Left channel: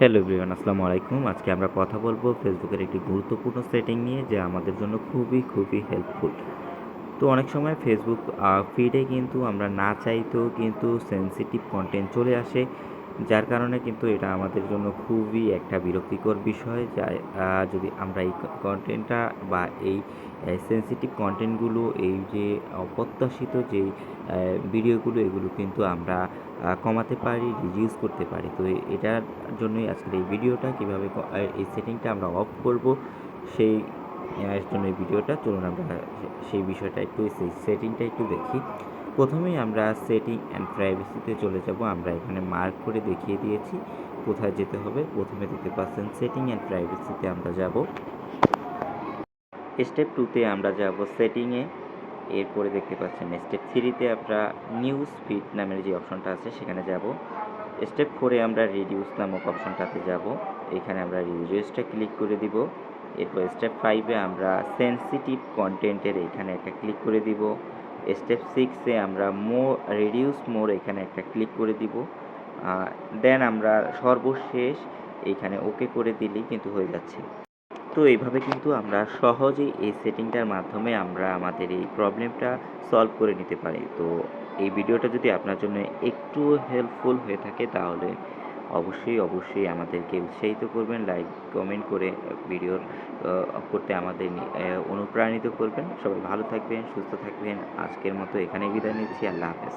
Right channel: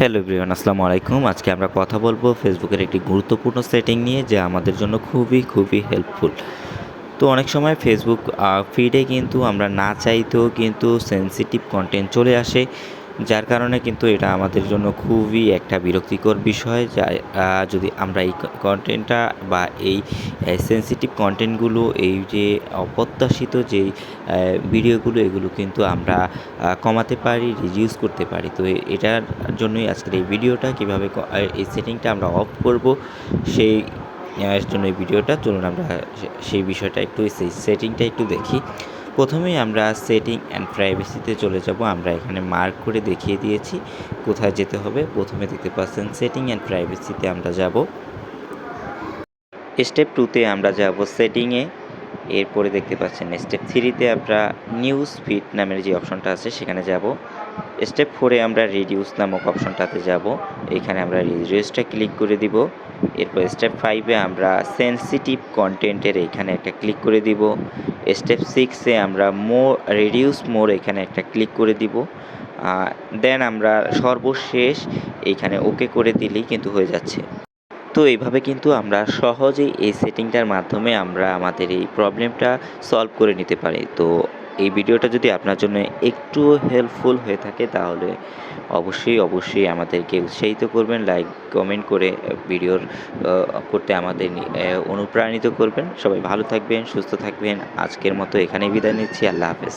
Hello everyone, আসসালামু আলাইকুম। আজকে আমরা কথা বলব ফেসবুকের একটি গুরুত্বপূর্ণ সেটিং নিয়ে যা আমাদের জন্য খুবই খুবই হেল্পফুল তো অনেক সময় ফেসবুক ফিডে কিন্তু আমরা না চাইতেও কিন্তু সেন্সিটিভ কন্টেন্ট চলে আসে। যার কারণে কিন্তু এটা আমাদের জন্য খুবই একটা বিরক্তিকর বিষয়, যা যদি আমরা এই কন্টেন্টটা বা এই সেন্সিটিভ কন্টেন্টগুলো এই যে অপ্রত্যাশিত যেই ভিডিওগুলো, এগুলো কিন্তু আমরা কমাতে পারি রিডিউস করতে পারি। তো এটার জন্যই আজকের এই ভিডিওটা, কীভাবে এই সেটিংটা আমরা অফ করব, সেই জন্য এই ভিডিওটা। চলুন আমরা সেই বিষয়টা একটু, সেই সেটিংটা একটু দেখি। প্রথমেই আমরা সেটিং অ্যান্ড প্রাইভেসিতে চলে যাব। আমরা এখানে মার্ক করে দেখিয়ে দিয়েছি, কোথায় যেতে হবে। প্রথমে দেখতে পাচ্ছেন সেটিং অ্যান্ড প্রাইভেসিতে আমরা যাব। স্টেপ টুতে আমরা যাব সেটিংয়ে এরপরে দেখতে পাচ্ছেন স্টেপ থ্রিতে আমরা নিউজ ফিড নামের যে অপশনটা আছে সেখানে যাব। স্টেপ ফোরে আমরা রিডিউস নামক অপশনটাতে যাব। এখানে আমরা রিডিউসটা ক্লিক করে দিব। এরপর স্টেপ ফাইভে আমরা সেন্সিটিভ কন্টেন্টের এখানে একটা ক্লিক করে দিব। স্টেপ সিক্সে আমরা মোর রিডিউস মোর এখানে একটা ক্লিক করে দিব। দেন আমরা সর্বশেষ এইখানে ওকে করে দিলেই কিন্তু হয়ে যাচ্ছে। তো এইভাবে কিন্তু আমরা সহজেই এই সেটিংটার মাধ্যমে আমরা আমাদের এই প্রবলেমটা সলভ করে নিতে পারি। তো এই ভিডিওটা যদি আপনার জন্য একটু হেল্পফুল হয়ে থাকে, তাহলে অবশ্যই অবশ্যই আমাদেরকে উৎসাহিত করবেন লাইক কমেন্ট করে ভিডিওর করতে আমাদের অনুপ্রাণিত করবেন। সবাই ভালো থাকবেন, সুস্থ থাকবেন। আজকের মতো এখানেই বিদায় নিচ্ছি। আল্লাহ হাফেজ।